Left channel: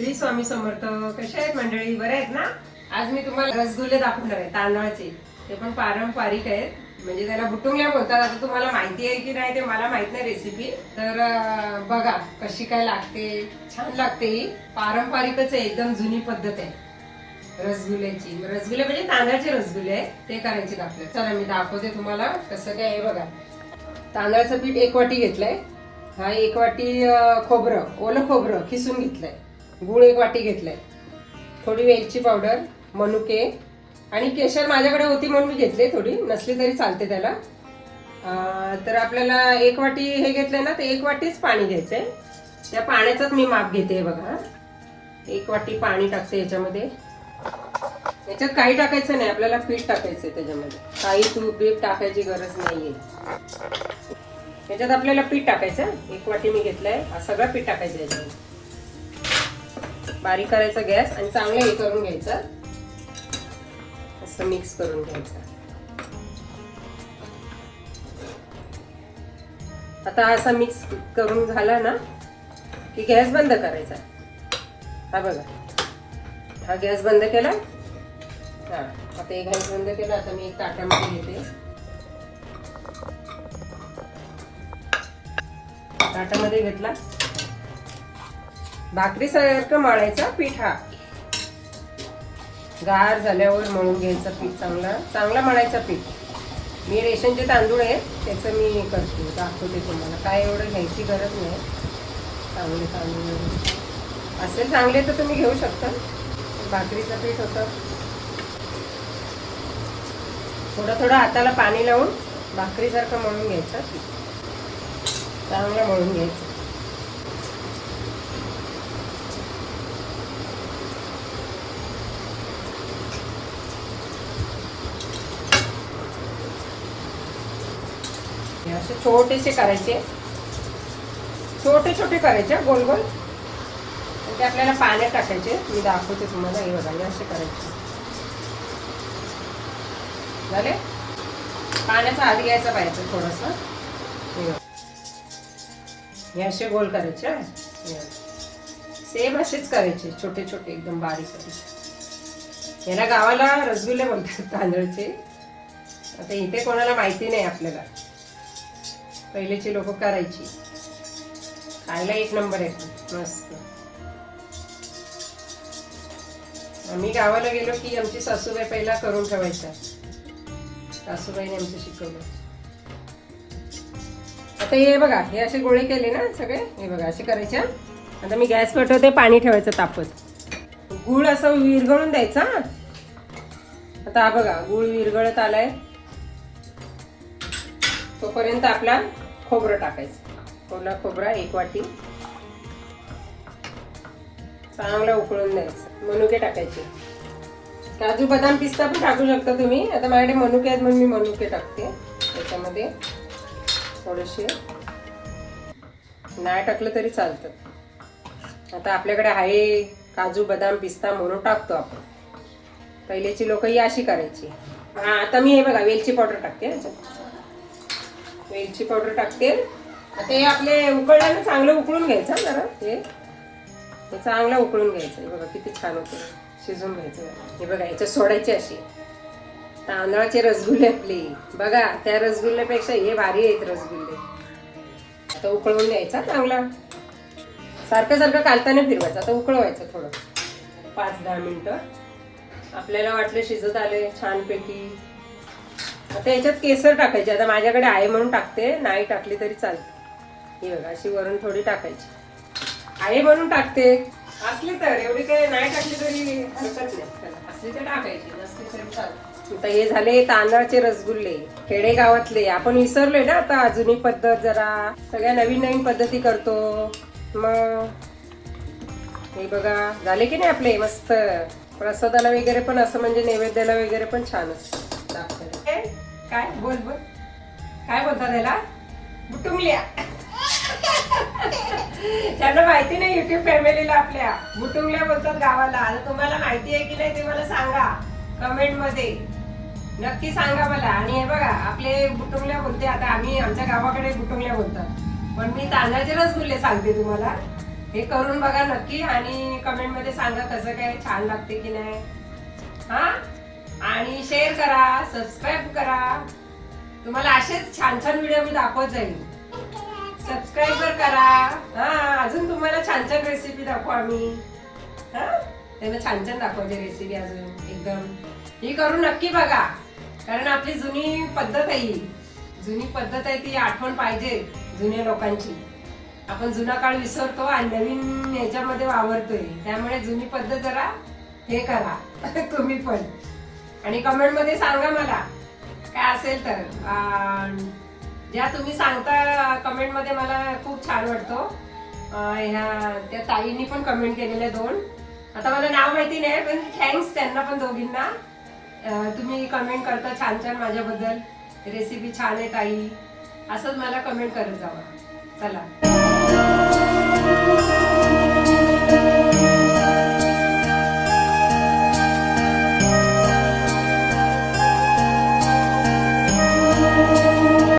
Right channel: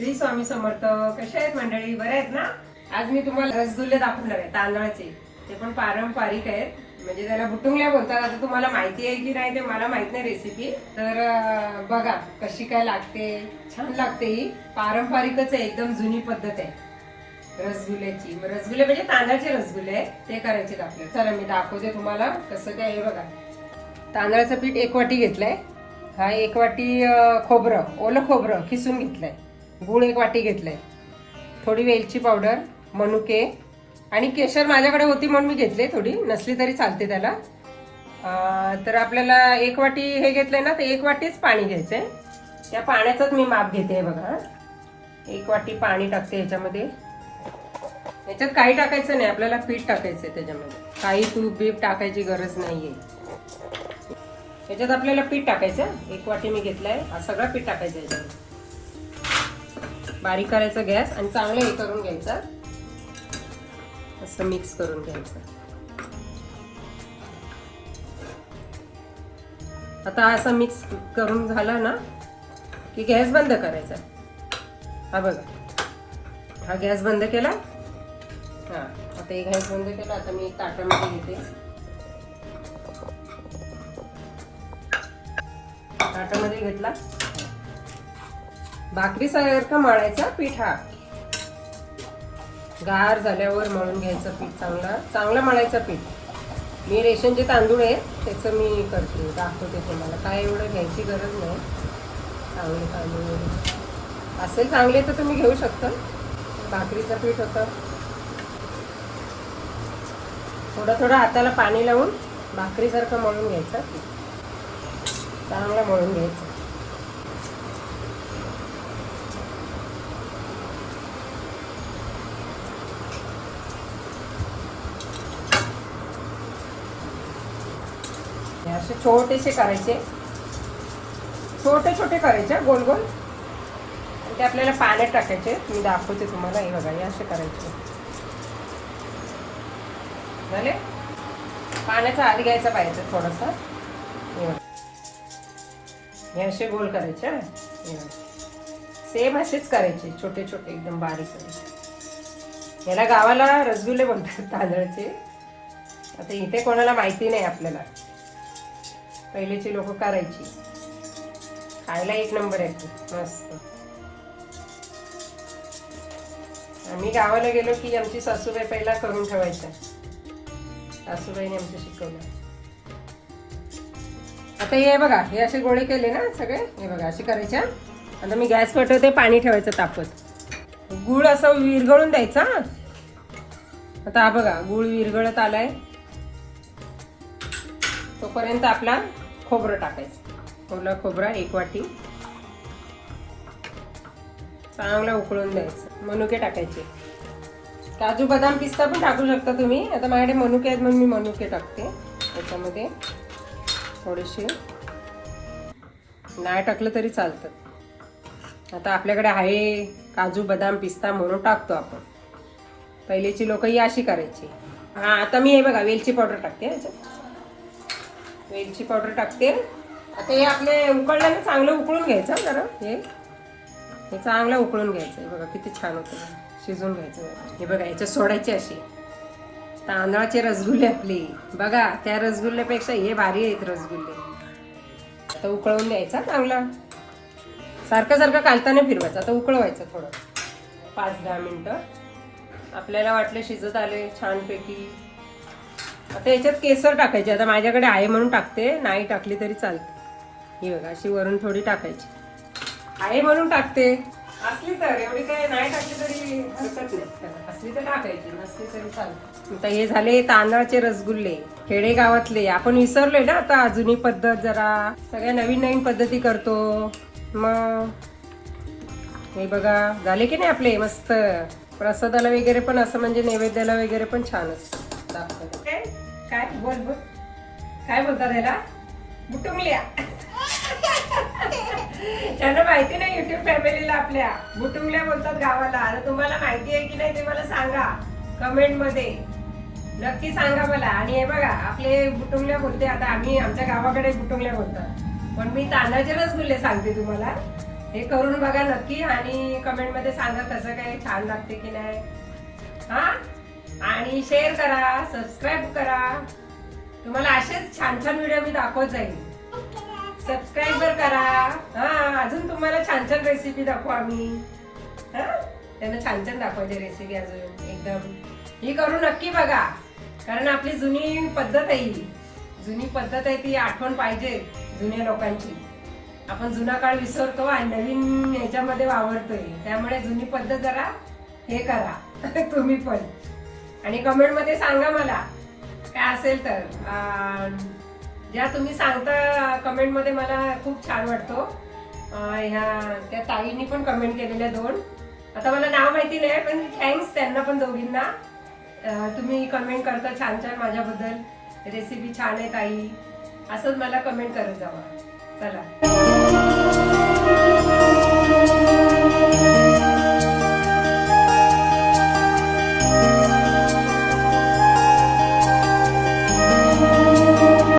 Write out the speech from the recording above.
श्री स्वामी समर्थ कशा आहेत मंडळी? बरे आहेत ना? आज मी तुम्हाला रसगुल्ले दाखवणार आहे तांदळाचे. ते पण पारंपरिक आहेत. म्हणजे त्याला बुटुंगल्या बोलतात. आता तुम्हाला माहिती आहे की नाही ते मला माहीत नाही रेसिपी तर बघा कशी काय लागते. छान लागते ही. पारंपरिकच आहे एकदम जुनी पद्धत आहे. रसगुल्ल्याची. रसगुल्ले म्हणजे तांदळाचे रसगुल्ले आहेत. ते करायचे दाखवले आपल्याला. चला मी दाखवते तुम्हाला कसं काय आहे बघा. तांदळाचं पीठ एक वाटी घेतलंय. हा एक वाटी खोबरं. ओलं खोबरं किसून घेतलंय. गुळ एक वाटी घेतलाय. थोडी वेलची पावडर मनुके आणि केशर माझ्याकडे होती म्हणून मी घेतले थोडी. नसली तरी चालते त्याला. तर आपल्याला एक वाटी हे घेतलंय ना तर एक वाटीच पाणी घ्यायचंय. त्या पाण्याचाच मी माप घेते बघा. एक वाटी पाणी टाकते याच्यामध्ये. याच्यात काही टाकायचं नाही आपल्याला पीठ टाकायचं त्याच्यामध्ये. काही तूप बीप टाकायची गरज नाहीये. याच्यात आपल्याला पीठ टाकायचं एक वाटी मी घेतलंय. सगळं पीठ टाकायचं याच्यामध्ये. बारीक करायचा गॅस आणि चांगलं हे करून घ्यायचं. असं मिक्स करून घ्यायचं. आता असा मिक्स करून झाला ना की गॅस बंद करायचा. हा बघा. हा गॅस बंद केला. हा आता एक गॅस बंद केला आता मी ताटामध्ये घेते. ताटामध्ये घेतला. भाकरी सारखं मळायचा पीठ हा. गार झाल्यावर मळून घ्यायचं पीठ चांगला. चांगला मळायचा पीठ. मी रेशनचे तांदूळ आहे त्याचं मी करते दाखवते तुम्हाला. काय एवढं घ्यायची गरज नाही. चांगले तांदूळ. असेल चांगले तर तुम्ही घेऊ शकता. भाकरीचं पीठ होतं. थोडं थोडं हाताला पाणी लावून भाकरीसारखं मळून घ्यायचं पीठ. चांगलं मळून घ्यायचं. हे असे छोटेसे करायचे. छोटे छोटे करायचे गोल गोल. ते आपल्याला पाण्यात टाकायचे. मी दाखवते तुम्हाला हे बघा हे असे करायचे. झाले? पाण्याचा आधी घ्यायचा पाहिजे थोडस. हे असे गोल करायचे सेम असेच करायचे छोटे छोटे एकदम बारीक करायचे याला गावाला रसगुल्ले बोलतात तांदळाचे. आता इथे कोणाला माहिती नाही आपल्याला. पहिलेची लोक करायची. खायला एक नंबर आहे मस्त. आम्ही गावाला गेलो की आमची सासूबाई पहिला करून ठेवायचा सासूबाईने आमचं शिकवलं. आता हे बघा हे असे गोळे केले ना सगळे? हे बघा असे करायच्या आता मी गॅस पटवते पाणी ठेवायचं तापत. गुळ असं विरघळून द्यायचा आता हा बघा गुळ विरघळत आलाय. तोपर्यंत आपला खोबरं टाकायचं. ओला खोबरा एक वाटी. चांगला उकळून द्यायचं. मनुके टाकायचे. काजू बदाम पिस्ता पण टाकू शकता तुम्ही. आता माझ्याकडे मनुके आहेत म्हणून मी मनुके टाकते. त्याच्यामध्ये थोडेसे नाही टाकलं तरी चालतं. आता आपल्याकडे आहे काजू बदाम पिस्ता म्हणून टाकतो आपण. पहिलेची लोक ही अशी करायची. हा आता मी हे बघा वेलची पावडर टाकते. वेलची पावडर टाकते. आता हे आपले उकळले चांगलं उकळून घ्यायचं हा जरा. हे. हे चांगलं उकळून घ्यायचं. बघा किती छान होते. शिजून घ्यायचं. हे बघा याच्यात सोडायची अशी. तांदळाचे रसगुल्ले आपले. बघा त्या रसगुल्ल्यापेक्षा हे भारी आहेत रसगुल्ले. आता उकळून घ्यायचा चांगला. सारखं सारखं कालताना फिरवायचं. आता उकळवायचं थोडं. पाच दहा मिनटं. आपल्याला वाटलं शिजत आले छानपैकी. आता याच्यात केसर टाकायचे. आता माझ्याकडे आहे म्हणून टाकते. नाही टाकली तरी चालते. ही बघा अशी वरून थोडी टाकायची. आहे म्हणून टाकते. असली तर एवढी काय नाही टाकली तरी हरकत नाही. असली तर टाकायची नसली तरी चालते. आता हे झाले तांदळाचे रसगुल्ले खेडे गावातले आपण विसरलोय ना आता जुनी पद्धत जरा. सगळ्या नवीन नवीन पद्धती करतो. मग हे बघा झाले की नाही आपले? मस्त. प्रसादाला वगैरे पण असं म्हणजे नैवेद्याला वगैरे पण छान असतं. काय? बोल बोल. काय बोलतात त्याला? बुटुंगल्या. त्यांना माहिती नाही युट्यूब फॅमिलीला आपल्या. बुटुंगल्या बोलतात गावाला. आता तुम्हाला माहिती आहे की नाही ते मला सांगा. कमेंटमध्ये. नक्की सांगा मला. आणि हे बघा आपले बुटुंगल्या बोलते. आता आम्ही आमच्या गावाकडे बुटुंगल्या बोलतात. पण मी तांदळाचे रसगुल्ले सांगते तुम्हाला. हे करून बघा नक्की आणि कमेंटमध्ये सांगा कसं काय छान लागते की नाही. हा? आणि शेअर करा सबस्क्राईब करा. तुम्हाला असेच छान छान व्हिडिओ मी दाखवत जाईल सबस्क्राईबर करा. हा अजून तुम्हाला छान छान रेसिपी दाखवू आम्ही. हा त्यांना छान छान दाखवायची रेसिपी अजून एकदम. ही करून नक्की बघा कारण आपली जुनी पद्धत आहे ही. जुनी पद्धत आहे ती आठवण पाहिजे जुन्या लोकांची. आपण जुना काळ विसरतो आणि नवीन याच्यामध्ये वावरतोय. त्यामुळे जुनी पद्धत जरा हे करा. तुम्ही पण. आणि कमेंटमध्ये सांगा मला काय असेल तर. ज्या तुम्ही सांगता कमेंटमध्ये मला खूप छान वाटतो. ह्या त्या ताईंनी पण कमेंट केलेल्या दोन. आता मला नाव माहिती नाही पण थँक्स त्यांना पण दोघींना. तुम्ही कमेंट करता छान छान माझ्याबद्दल. रेसिपी छान आहे ताई. असंच मला कमेंट करत जावा. चला.